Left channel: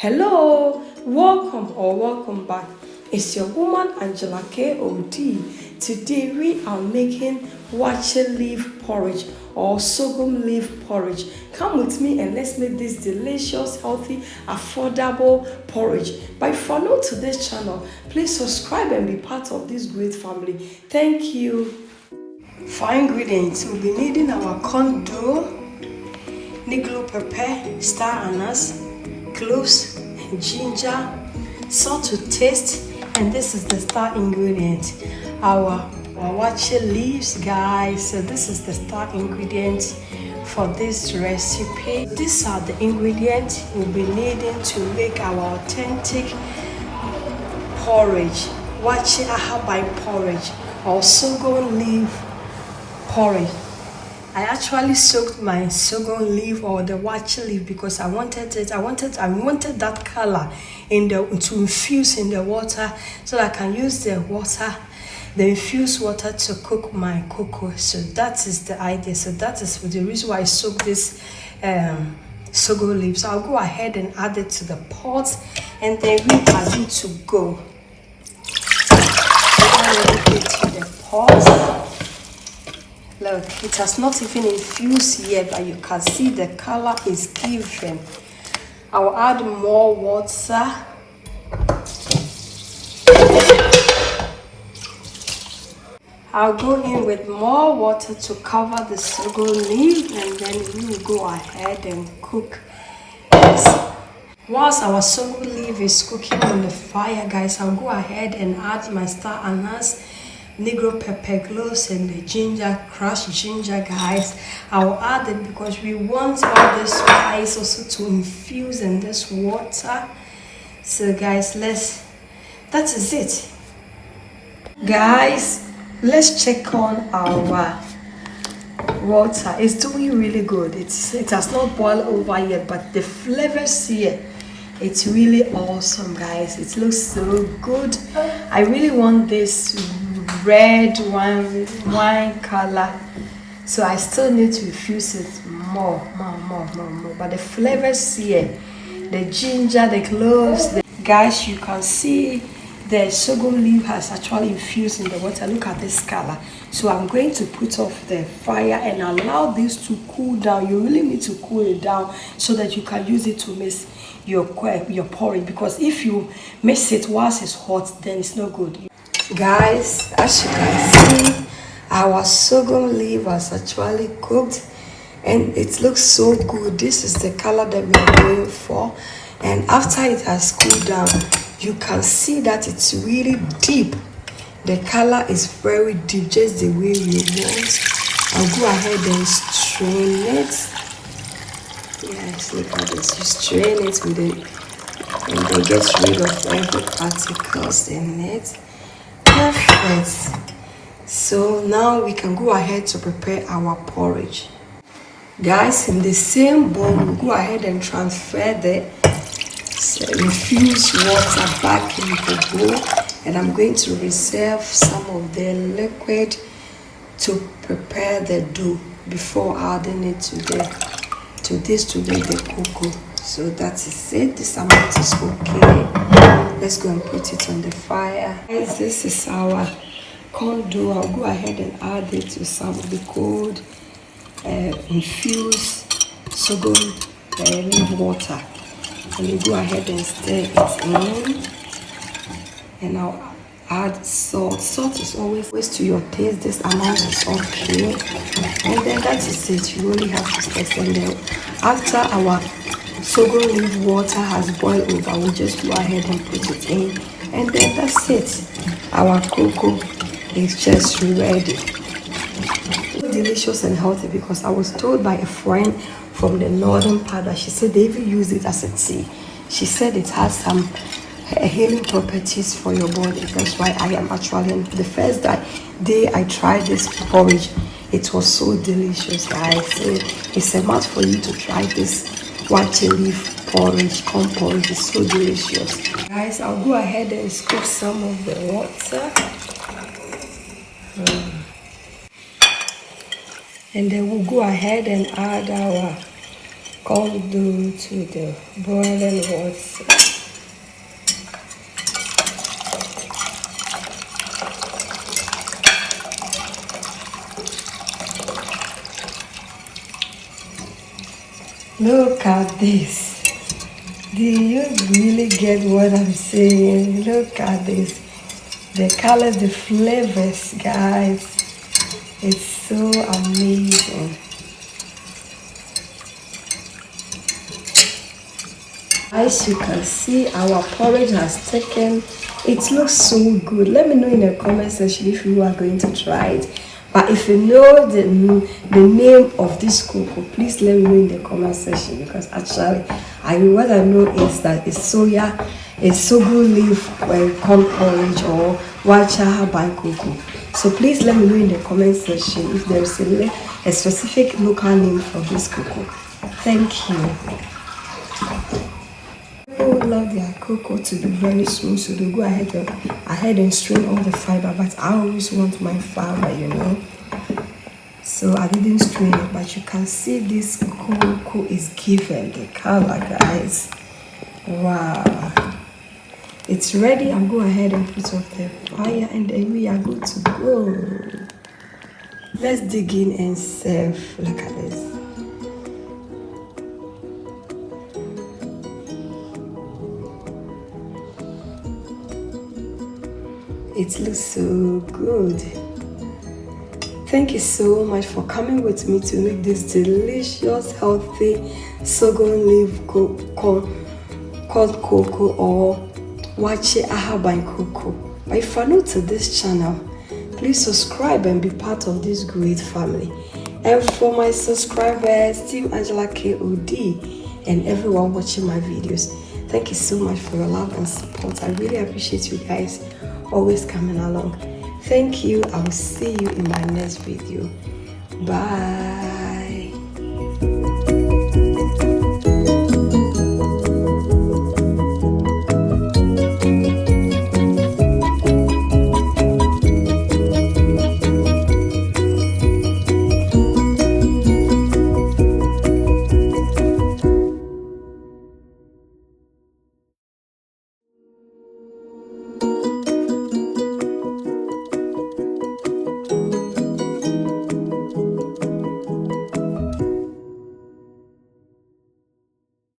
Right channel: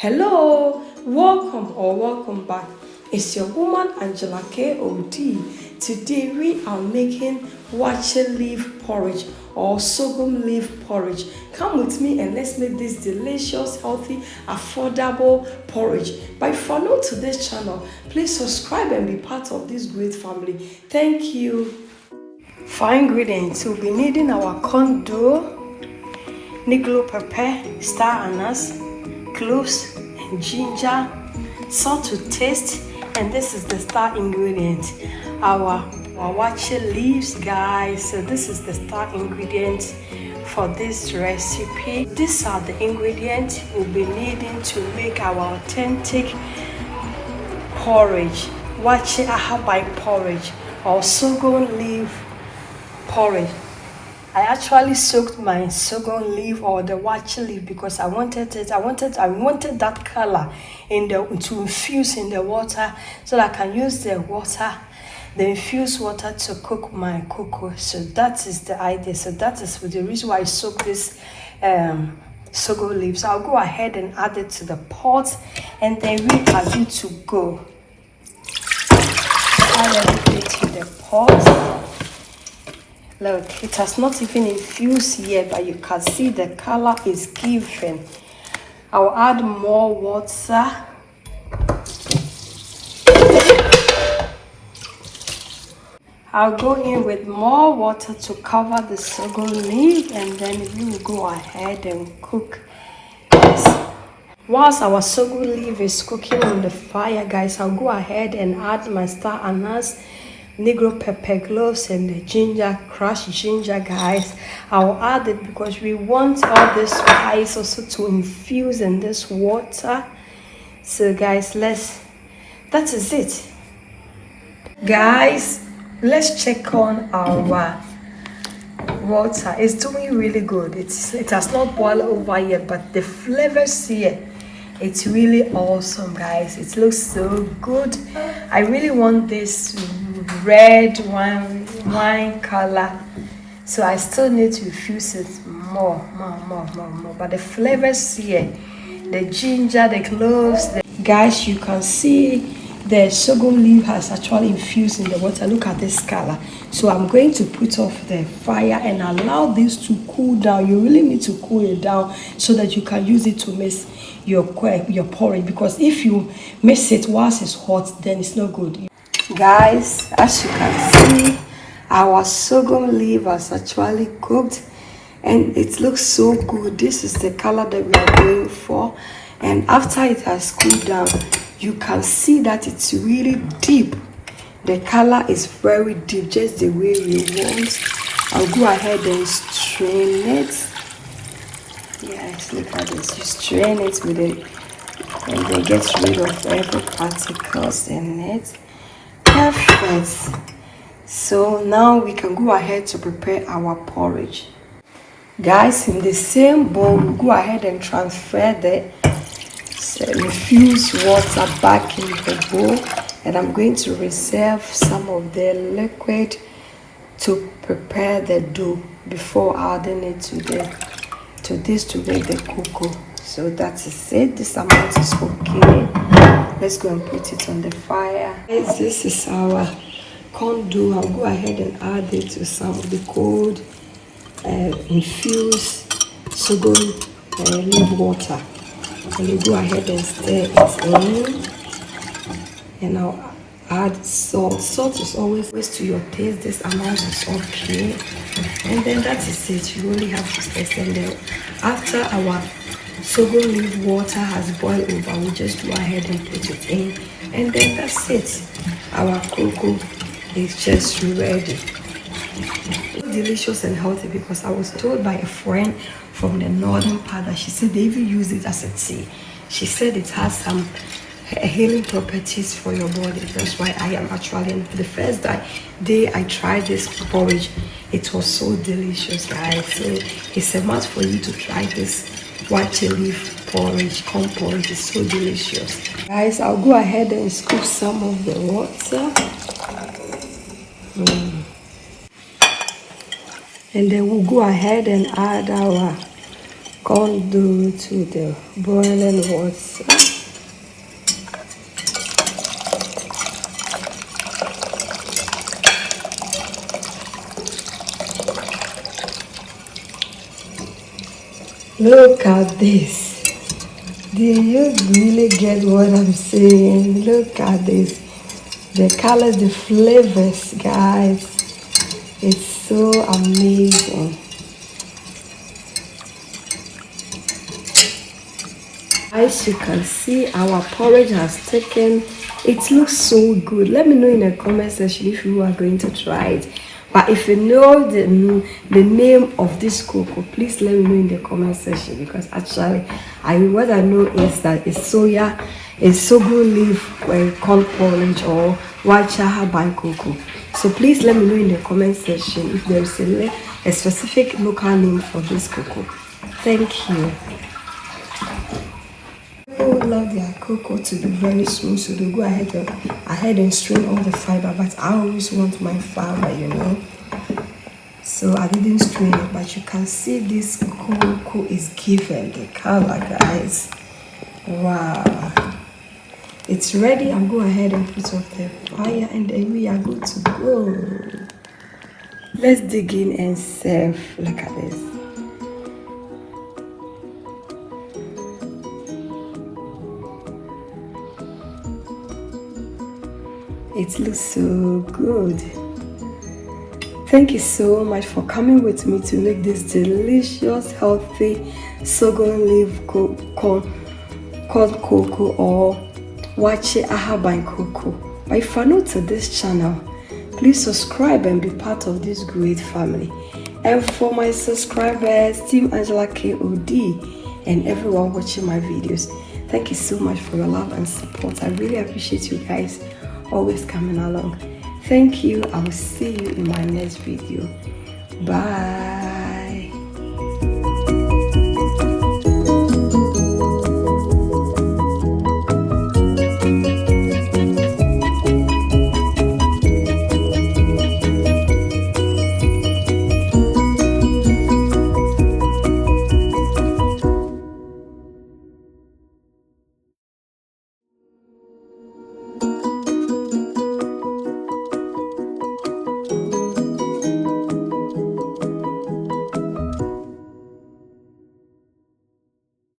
Hello, welcome back. It's your woman Angela KOD. Today we are making Waakye Leaf Porridge or Sorghum Leaf Porridge. Come with me and let's make this delicious, healthy, affordable porridge. But if you are new to this channel, please subscribe and be part of this great family. Thank you. For ingredients, we'll be needing our corn dough, niglo pepper, star anise, cloves, ginger, salt to taste, and this is the star ingredient, our waakye leaves, guys. So this is the star ingredient for this recipe. These are the ingredients we'll be needing to make our authentic porridge, waakye ahaban porridge or sorghum leaf porridge. I actually soaked my sorghum leaf or the waakye leaf because I wanted that color to infuse in the water so that I can use the infused water to cook my cocoa. So that is the idea. So that is the reason why I soaked this sorghum leaves. So I'll go ahead and add it to the pot, and then we are good to go. Add everything to the pot. Look, it has not even infused yet, but you can see the color is given. I'll add more water. I'll go in with more water to cover the sorghum leaf, and then we will go ahead and cook this. Whilst our sorghum leaf is cooking on the fire, guys, I'll go ahead and add my star anise, negro pepper cloves, and the ginger, crushed ginger, guys. I'll add it because we want all this spice also to infuse in this water. So guys, that is it. Guys, let's check on our water. It's doing really good. It has not boiled over yet, but the flavors here, it's really awesome, guys. It looks so good. I really want this red wine color, so I still need to infuse it more. But the flavors here, the ginger, the cloves, guys, you can see the sorghum leaf has actually infused in the water. Look at this color. So I'm going to put off the fire and allow this to cool down. You really need to cool it down so that you can use it to mix your porridge, because if you mix it whilst it's hot, then it's no good. Guys, as you can see, our sorghum leaf has actually cooked and it looks so good. This is the color that we are going for, and after it has cooled down, you can see that it's really deep. The color is very deep, just the way you want. I'll go ahead and strain it. Yes, look at this. You strain it with it and then get rid of every particles in it. Perfect. So now we can go ahead to prepare our porridge. Guys, in the same bowl, we'll go ahead and transfer the infused water back in the bowl, and I'm going to reserve some of the liquid to prepare the dough before adding it to this to make the cocoa. So that is it. This amount is okay. Let's go and put it on the fire. This is our corn dough. I'll go ahead and add it to some of the cold infused sorghum leaf water. And you go ahead and stir it in. And I'll add salt. Salt is always to your taste. This amount is okay. And then that is it. You only have to stir it in. After our sorghum leaf water has boiled over, we'll just go ahead and put it in, and then that's it. Our cocoa is just ready. Delicious and healthy, because I was told by a friend from the northern part that she said they even use it as a tea. She said it has some healing properties for your body. That's why I am actually, the first day I tried this porridge, it was so delicious, guys. So it's a must for you to try this waakye leaf porridge, corn porridge. Is so delicious, guys. I'll go ahead and scoop some of the water, and then we'll go ahead and add our condo to the boiling water. Look at this. Do you really get what I'm saying? Look at this. The colors, the flavors, guys. It's so amazing. As you can see, our porridge has taken. It looks so good. Let me know in the comment section if you are going to try it. But if you know the name of this cocoa, please let me know in the comment section, because actually what I know is that it's sorghum leaf corn porridge or Waakye cocoa. So please let me know in the comment section if there is a specific local name for this cocoa. Thank you. People love their cocoa to be very smooth, so they go ahead and strain all the fiber, but I always want my fiber, you know. So I didn't strain it, but you can see this cocoa is given the color, guys. Wow. It's ready. I'll go ahead and put off the fire, and then we are good to go. Let's dig in and serve. Look at this. It looks so good. Thank you so much for coming with me to make this delicious, healthy sorghum leaf called cocoa or Waakye cocoa. But if you're new to this channel, please subscribe and be part of this great family. And for my subscribers, Team Angela KOD, and everyone watching my videos, thank you so much for your love and support. I really appreciate you guys always coming along. Thank you. I will see you in my next video. Bye.